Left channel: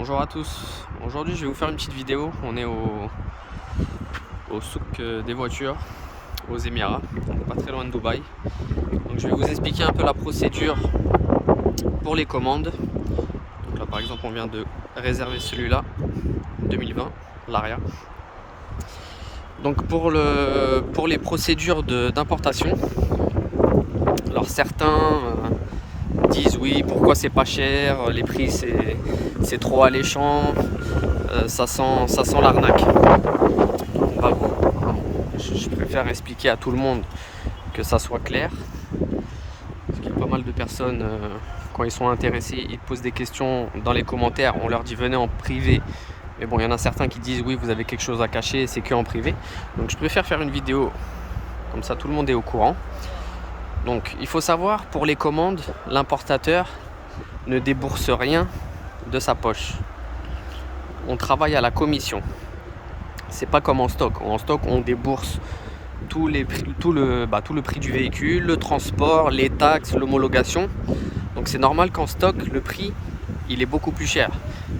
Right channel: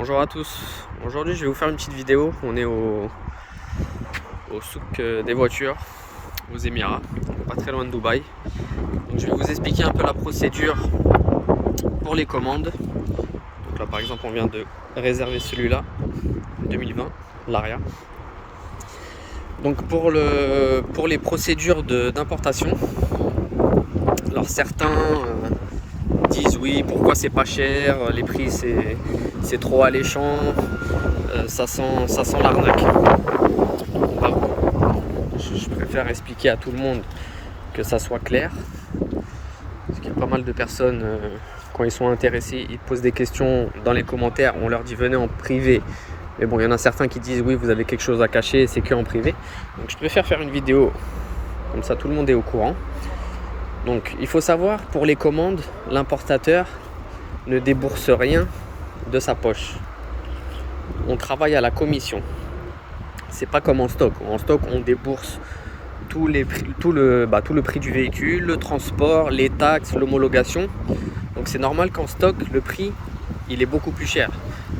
Bonjour à tous, aujourd'hui je vais vous faire une petite vidéo. On est au souk des voitures aux Émirats, pas très loin de Dubaï. Donc je vais vous expliquer un peu la procédure pour les commandes. Donc là par exemple on vient de réserver celui-là 2020, l'Aria. Donc pour les procédures d'importation, alors certains disent oui, pourquoi c'est pas cher, les prix c'est trop alléchant, ça sent l'arnaque. Je préfère expliquer à tout le monde que ça soit clair, parce qu'il y a pas mal de personnes, quand ils sont intéressés, ils posent des questions dans les commentaires, on leur dit venez en privé. Mais bon, il y en a certains qui disent oui, vous avez quelque chose à cacher, c'est que en privé. Donc je préfère faire une vidéo, comme ça tout le monde est au courant. Donc il faut savoir, pour les commandes, l'importateur ne débourse rien de sa poche. On travaille à la commission. C'est pas comme en stock. En stock, on débourse tout le prix du véhicule, le transport, les taxes, l'homologation. Donc c'est normal qu'en stock, le prix il est beaucoup plus cher.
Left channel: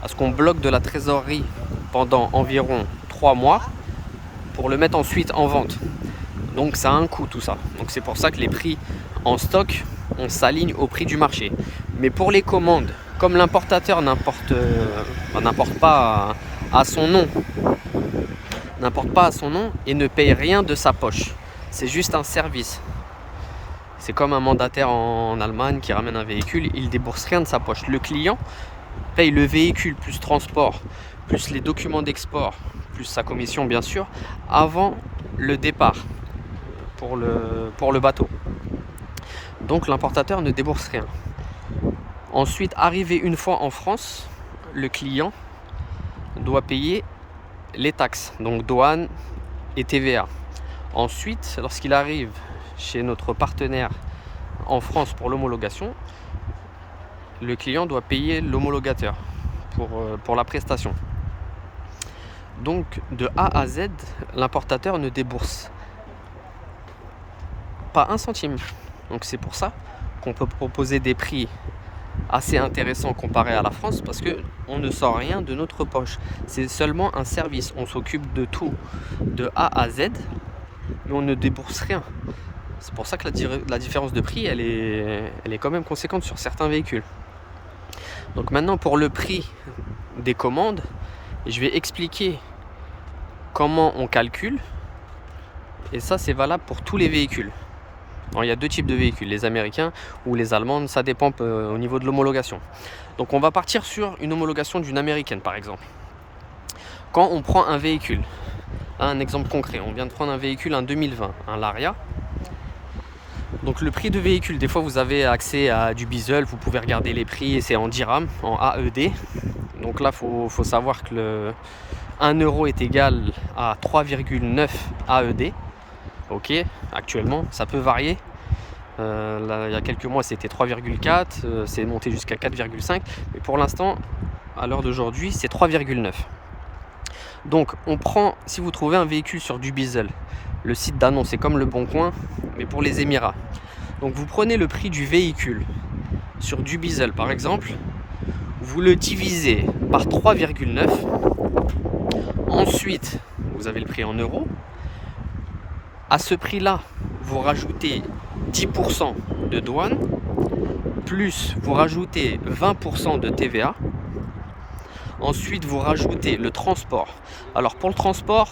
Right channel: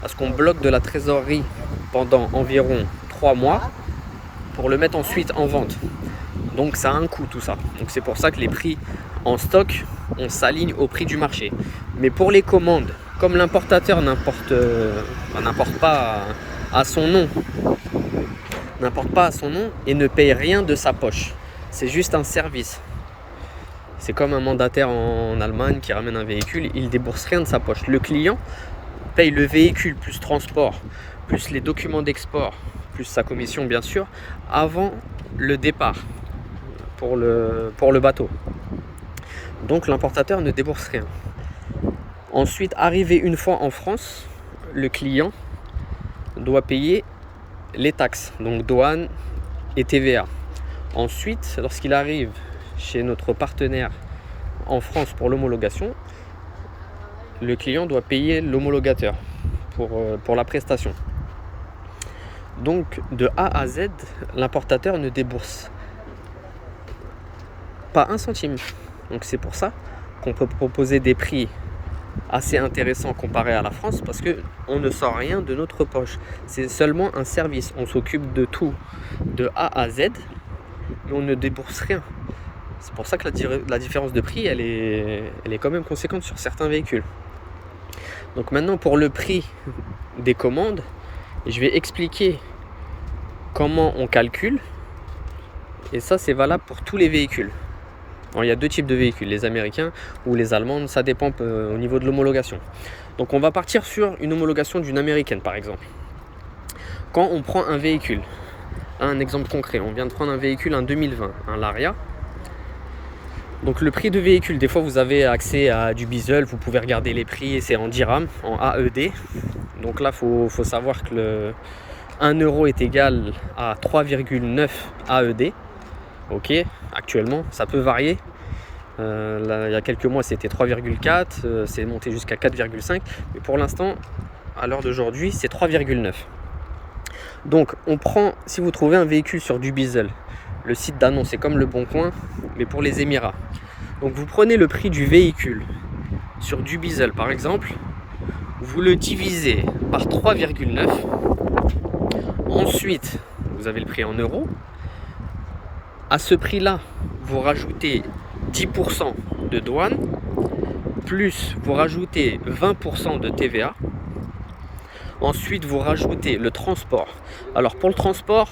Parce qu'on bloque de la trésorerie pendant environ 3 mois pour le mettre ensuite en vente. Donc ça a un coût tout ça. Donc c'est pour ça que les prix en stock, on s'aligne au prix du marché. Mais pour les commandes, comme l'importateur n'importe pas à son nom, et ne paye rien de sa poche. C'est juste un service. C'est comme un mandataire en Allemagne qui ramène un véhicule, il ne débourse rien de sa poche. Le client paye le véhicule plus transport, plus les documents d'export, plus sa commission bien sûr, avant le départ pour le bateau. Donc l'importateur ne débourse rien. Ensuite, arrivé une fois en France, le client doit payer les taxes, donc douane et TVA. Ensuite, lorsqu'il arrive chez notre partenaire en France pour l'homologation, le client doit payer l'homologateur pour la prestation. Donc de A à Z, l'importateur ne débourse pas un centime. Donc c'est pour ça qu'on peut proposer des prix assez intéressant comparé à la France, parce que on ne sort rien de notre poche. C'est seulement un service, on s'occupe de tout de A à Z, mais on ne débourse rien. C'est pour ça que la différence de prix elle est quand même conséquente sur certains véhicules. Donc maintenant, pour le prix des commandes, je vais expliquer comment on calcule, et ça c'est valable pour tous les véhicules. Alors, il y a deux types de véhicules, les américains ou les allemandes, ça dépend au niveau de l'homologation. Donc on va partir sur une homologation d'une américaine par exemple. Quand on prend un véhicule, un exemple concret, on vient de prendre un véhicule, un 2020, un Laria. Donc le prix de véhicule, des fois vous avez accès à du Bizzle, vous pouvez regarder les prix, c'est en dirham, en AED. Donc là il faut savoir que le 1 euro est égal à 3,9 AED. Ok, actuellement ça peut varier. Là, il y a quelques mois c'était 3,4, c'est monté jusqu'à 4,5, mais pour l'instant à l'heure d'aujourd'hui c'est 3,9. donc on prend, si vous trouvez un véhicule sur du Bizzle, le site d'annonce c'est comme le Bon Coin mais pour les Émirats, donc vous prenez le prix du véhicule sur du Bizzle par exemple, vous le divisez par 3,9, ensuite vous avez le prix en euros. À ce prix là vous rajoutez 10% de douane, plus vous rajoutez 20% de TVA. Ensuite vous rajoutez le transport. Alors pour le transport,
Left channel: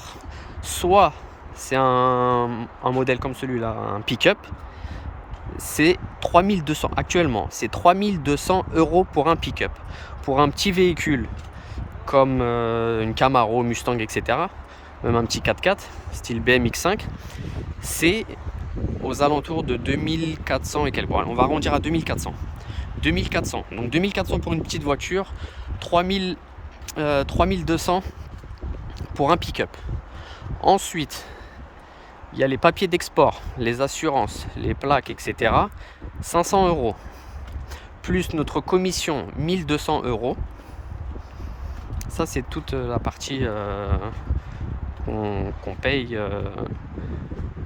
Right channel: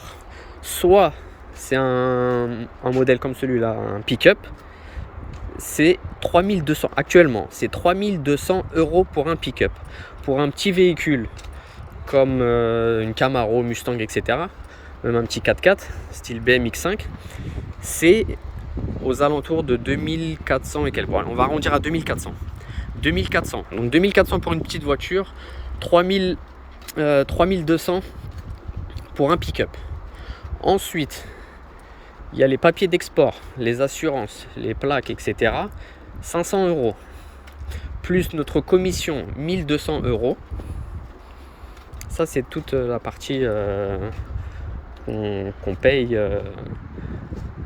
soit c'est un modèle comme celui-là, un pick-up, c'est 3200, actuellement c'est 3200 € pour un pick-up. Pour un petit véhicule comme une Camaro, Mustang, etc., même un petit 4x4 style BMX5, c'est aux alentours de 2400 et quelques. On va arrondir à 2400. 2400. Donc 2400 pour une petite voiture, 3200 pour un pick-up. Ensuite, il y a les papiers d'export, les assurances, les plaques, etc. 500 €. Plus notre commission, 1200 €. Ça, c'est toute la partie qu'on paye.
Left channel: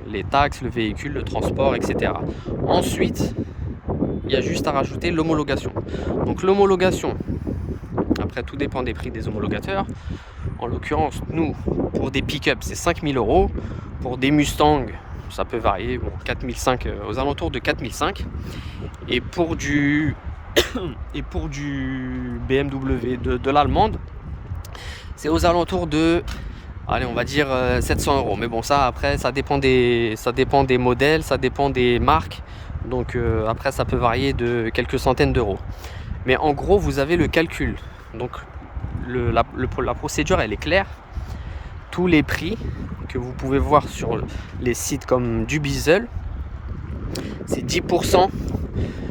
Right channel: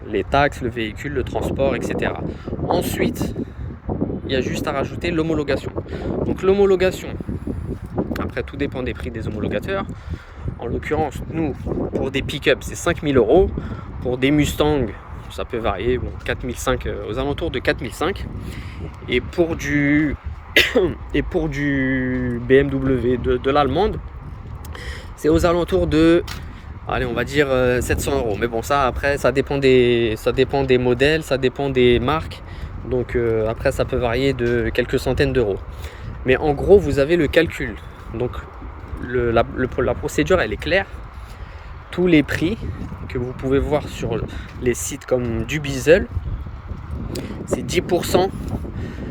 Les taxes, le véhicule, le transport, etc. Ensuite, il y a juste à rajouter l'homologation. Donc l'homologation, à après, tout dépend des prix des homologateurs. En l'occurrence, nous, pour des pick-up, c'est 5 000 €. Pour des Mustang, ça peut varier, bon, 4 500, aux alentours de 4 500. Et pour du BMW de l'allemande, c'est aux alentours de, allez, on va dire 700 €. Mais bon, ça après, ça dépend des modèles, ça dépend des marques. Donc après, ça peut varier de quelques centaines d'euros. Mais en gros, vous avez le calcul. Donc la procédure, elle est claire. Tous les prix que vous pouvez voir sur les sites comme Dubizzle, c'est 10%.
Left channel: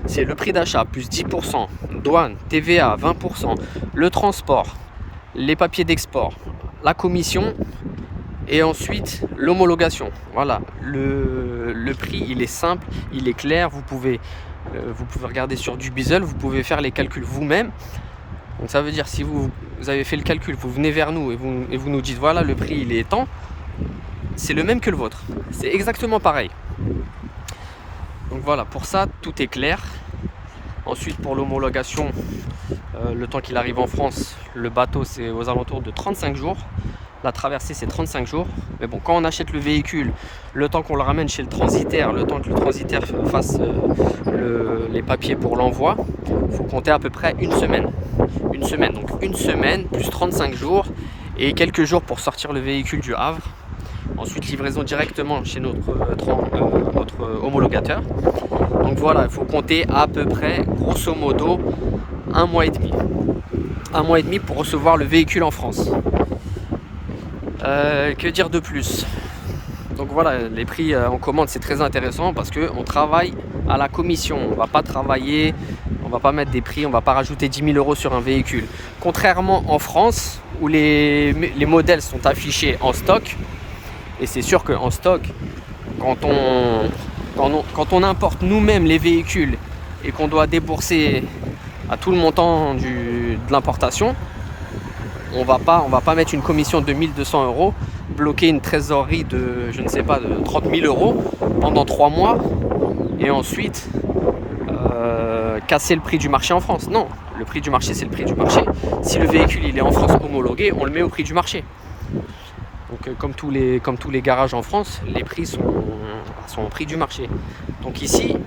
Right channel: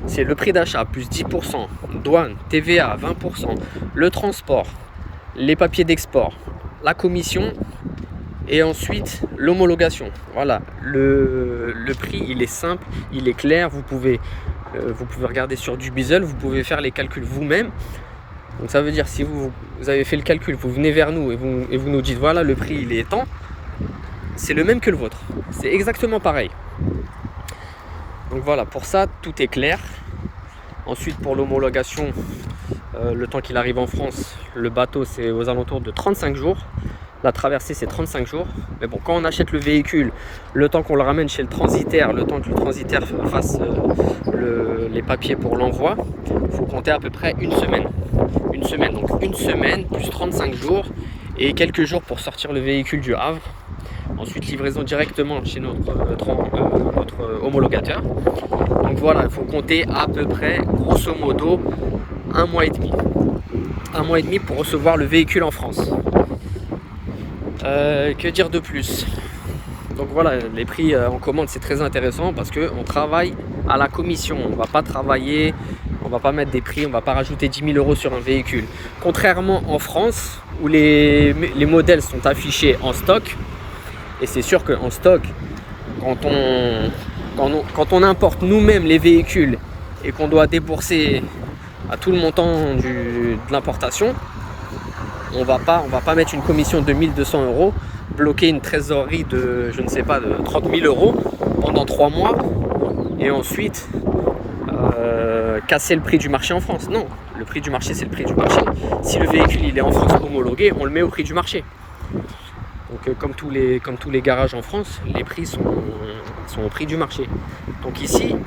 C'est le prix d'achat plus 10%, douane, TVA 20%, le transport, les papiers d'export, la commission et ensuite l'homologation. Voilà, le prix, il est simple, il est clair. Vous pouvez regarder sur Dubizzle, vous pouvez faire les calculs vous-même. Donc ça veut dire, si vous avez fait le calcul, vous venez vers nous et vous nous dites voilà, le prix il est tant, c'est le même que le vôtre, c'est exactement pareil. Donc voilà, pour ça tout est clair. Ensuite, pour l'homologation, le temps qu'il arrive en France, le bateau c'est aux alentours de 35 jours. La traversée c'est 35 jours. Mais bon, quand on achète le véhicule, le temps qu'on le ramène chez le transitaire, le temps que le transitaire fasse les papiers pour l'envoi, il faut compter à peu près une semaine. Donc une semaine plus 35 jours et quelques jours pour sortir le véhicule du Havre. Ensuite, livraison directement chez notre homologateur. Donc voilà, il faut compter à peu près, grosso modo, 1 mois et demi. 1 mois et demi pour recevoir le véhicule en France. Que dire de plus? Donc voilà, les prix en commande, c'est très intéressant parce qu'on travaille à la commission. On ne va pas travailler, on ne va pas mettre des prix, on ne va pas rajouter 10 000 € sur un véhicule. Contrairement en France, où les modèles sont affichés en stock. Et c'est sûr qu'en stock, quand on importe nous-mêmes les véhicules et qu'on doit débourser à tout le montant de l'importation, on va pas mettre une commission de 1 200 €, bloquer une trésorerie de, je ne sais pas, de 30 000 € pendant 3 mois et ensuite casser le prix du marché en France. Non, le prix du marché, c'est le prix du marché. Si le véhicule il est en France homologué, on le met au prix du marché. Donc comme tous les garages en France, les prix sont au prix du marché. Donc ici,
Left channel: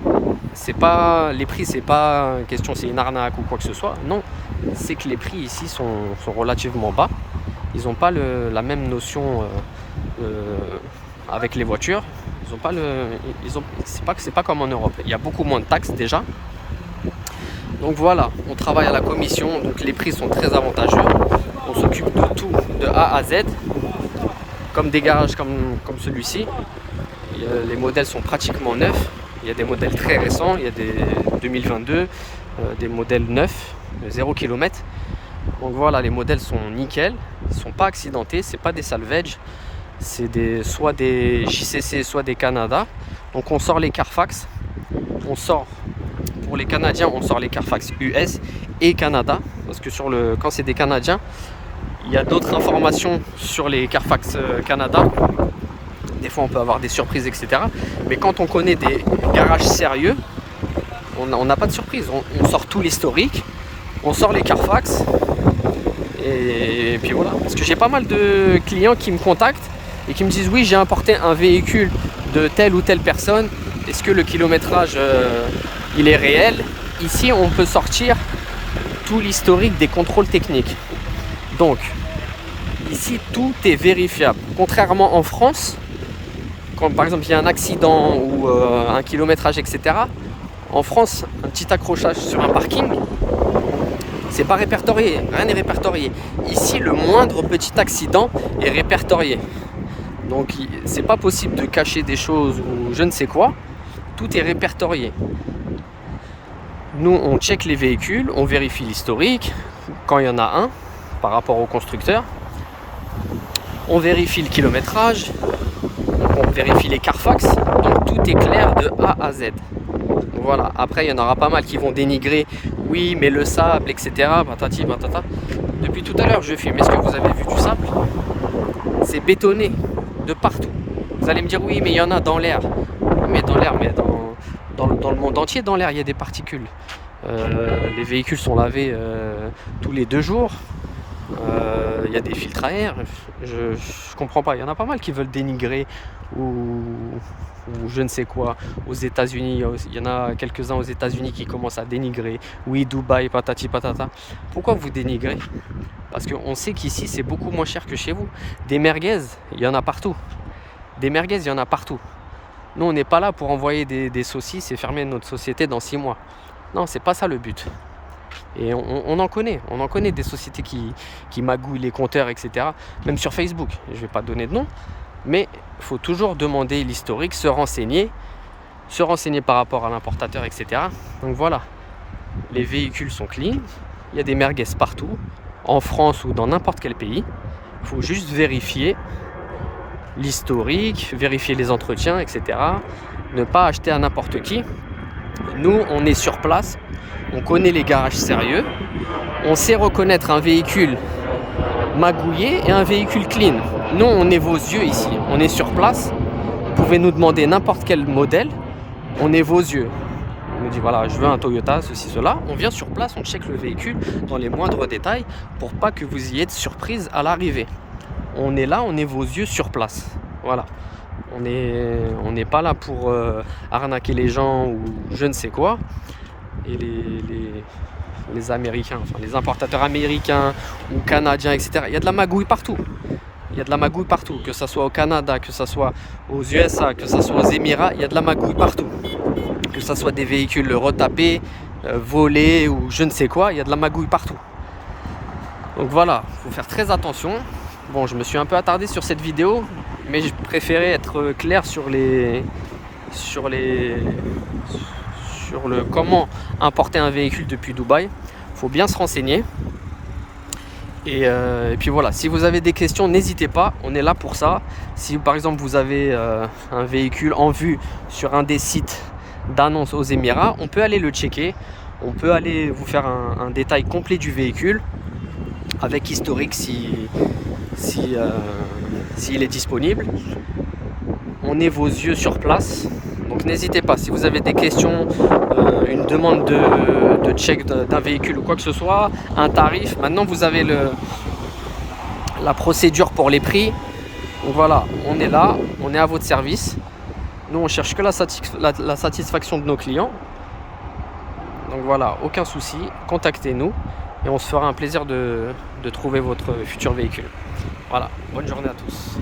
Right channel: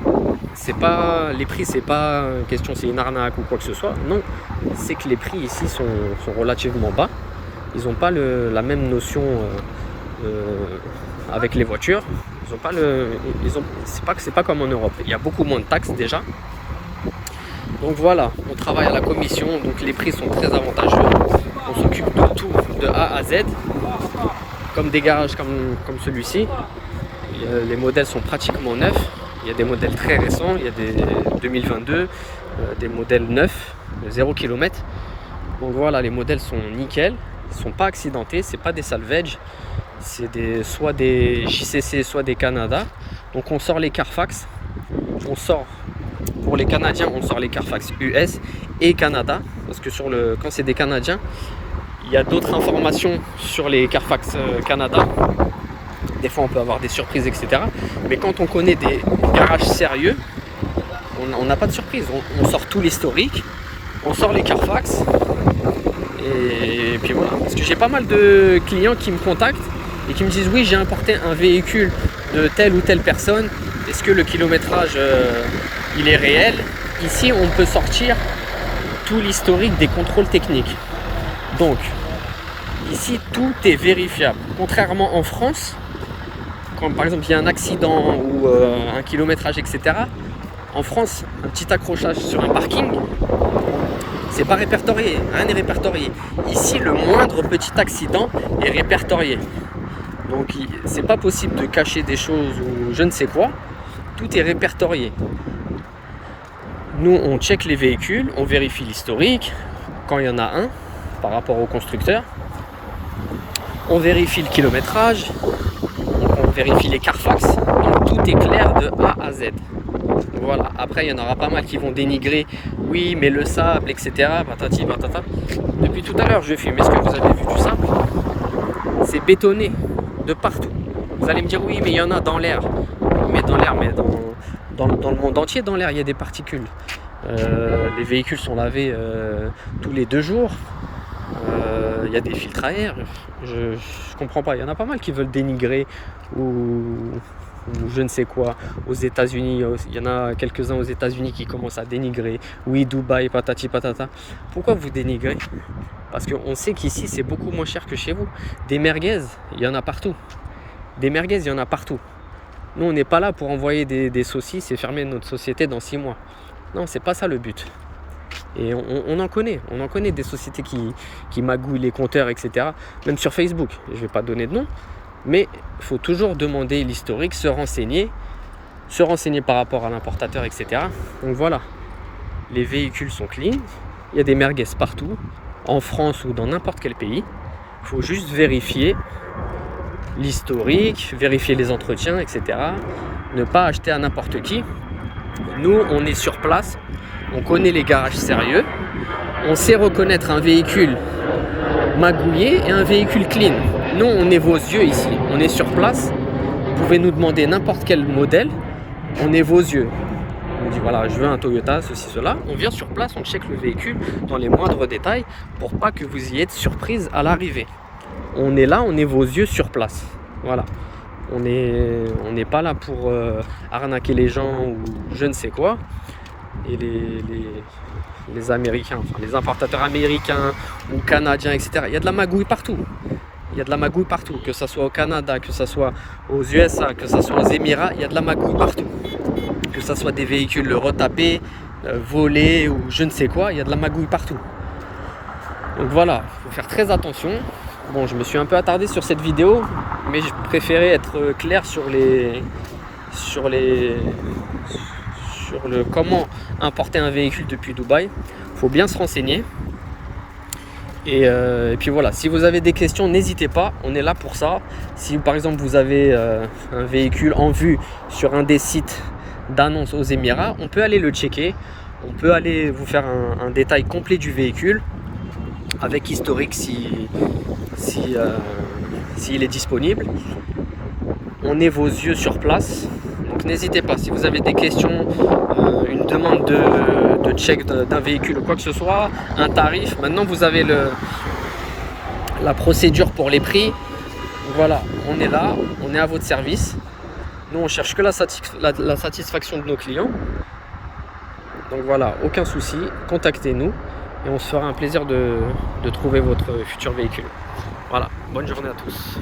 les prix, c'est pas question c'est une arnaque ou quoi que ce soit. Non, c'est que les prix ici sont relativement bas. Ils n'ont pas la même notion avec les voitures. Ils ont pas c'est pas comme en Europe. Il y a beaucoup moins de taxes déjà. Donc voilà, on travaille à la commission, donc les prix sont très avantageux. On s'occupe de tout, de A à Z. Comme des garages comme celui-ci, les modèles sont pratiquement neufs. Il y a des modèles très récents, il y a des 2022, des modèles neufs, 0 km. Donc voilà, les modèles sont nickel, ils ne sont pas accidentés, c'est pas des salvage, c'est soit des JCC, soit des Canada. Donc on sort les Carfax, pour les Canadiens, on sort les Carfax US et Canada, parce que quand c'est des Canadiens, il y a d'autres informations sur les Carfax Canada. Des fois, on peut avoir des surprises, etc. Mais quand on connaît des garages sérieux, on n'a pas de surprise. On sort tout l'historique, on sort les Carfax. Et puis voilà. Parce que j'ai pas mal de clients qui me contactent et qui me disent oui, j'ai importé un véhicule de telle ou telle personne. Est-ce que le kilométrage, il est réel? Ici, on peut sortir tout l'historique des contrôles techniques. Donc, ici, tout est vérifiable. Contrairement en France, quand par exemple il y a un accident ou un kilométrage, etc. En France, un petit accrochage sur un parking, c'est pas répertorié, rien n'est répertorié. Ici, le moindre petit accident est répertorié. Donc, c'est pas possible de cacher des choses ou je ne sais quoi. Tout est répertorié. Nous, on check les véhicules, on vérifie l'historique, quand il y en a un, par rapport au constructeur. On vérifie le kilométrage, on vérifie les Carfax, donc tout est clair de A à Z. Voilà, après il y en aura pas mal qui vont dénigrer, oui mais le sable, etc. Patati patata. Depuis tout à l'heure je filme, est-ce que vous avez vu du sable? C'est bétonné de partout. Vous allez me dire oui mais il y en a dans l'air. Mais dans l'air, dans le monde entier, dans l'air il y a des particules. Les véhicules sont lavés tous les 2 jours. Il y a des filtres à air. Je comprends pas. Il y en a pas mal qui veulent dénigrer ou je ne sais quoi aux États-Unis. Il y en a quelques-uns aux États-Unis qui commencent à dénigrer. Oui, Dubaï, patati patata. Pourquoi vous dénigrez? Parce qu'on sait qu'ici c'est beaucoup moins cher que chez vous. Des merguez, il y en a partout. Des merguez, il y en a partout. Nous, on n'est pas là pour envoyer des saucisses et fermer notre société dans 6 mois. Non, c'est pas ça le but. Et on en connaît des sociétés qui magouillent les compteurs, etc. Même sur Facebook, je ne vais pas donner de nom, mais il faut toujours demander l'historique, se renseigner par rapport à l'importateur, etc. Donc voilà, les véhicules sont clean, il y a des merguez partout, en France ou dans n'importe quel pays. Il faut juste vérifier l'historique, vérifier les entretiens, etc. Ne pas acheter à n'importe qui. Nous, on est sur place, on connaît les garages sérieux, on sait reconnaître un véhicule magouillé et un véhicule clean. Nous, on est vos yeux ici, on est sur place. Vous pouvez nous demander n'importe quel modèle, on est vos yeux. On nous dit voilà, je veux un Toyota, ceci, cela. On vient sur place, on check le véhicule dans les moindres détails pour pas que vous ayez de surprise à l'arrivée. On est là, on est vos yeux sur place. Voilà. On n'est pas là pour arnaquer les gens ou je ne sais quoi. Et les Américains, enfin les importateurs américains ou canadiens, etc. Il y a de la magouille partout. Il y a de la magouille partout. Que ce soit au Canada, que ce soit aux USA, que ce soit aux Émirats, il y a de la magouille partout. Que ce soit des véhicules retapés, volés ou je ne sais quoi, il y a de la magouille partout. Donc voilà, il faut faire très attention. Bon, je me suis un peu attardé sur cette vidéo, mais je préférais être clair sur le comment importer un véhicule depuis Dubaï. Il faut bien se renseigner. Et puis voilà, si vous avez des questions, n'hésitez pas, on est là pour ça. Si par exemple vous avez un véhicule en vue sur un des sites d'annonce aux Émirats, on peut aller le checker. On peut aller vous faire un détail complet du véhicule avec historique s'il est disponible. On est vos yeux sur place, donc n'hésitez pas. Si vous avez des questions, une demande de check d'un véhicule ou quoi que ce soit, un tarif, maintenant vous avez la procédure pour les prix. Donc voilà, on est là, on est à votre service. Nous on cherche que la satisfaction de nos clients. Donc voilà, aucun souci, contactez-nous et on se fera un plaisir de trouver votre futur véhicule. Voilà, bonne journée à tous.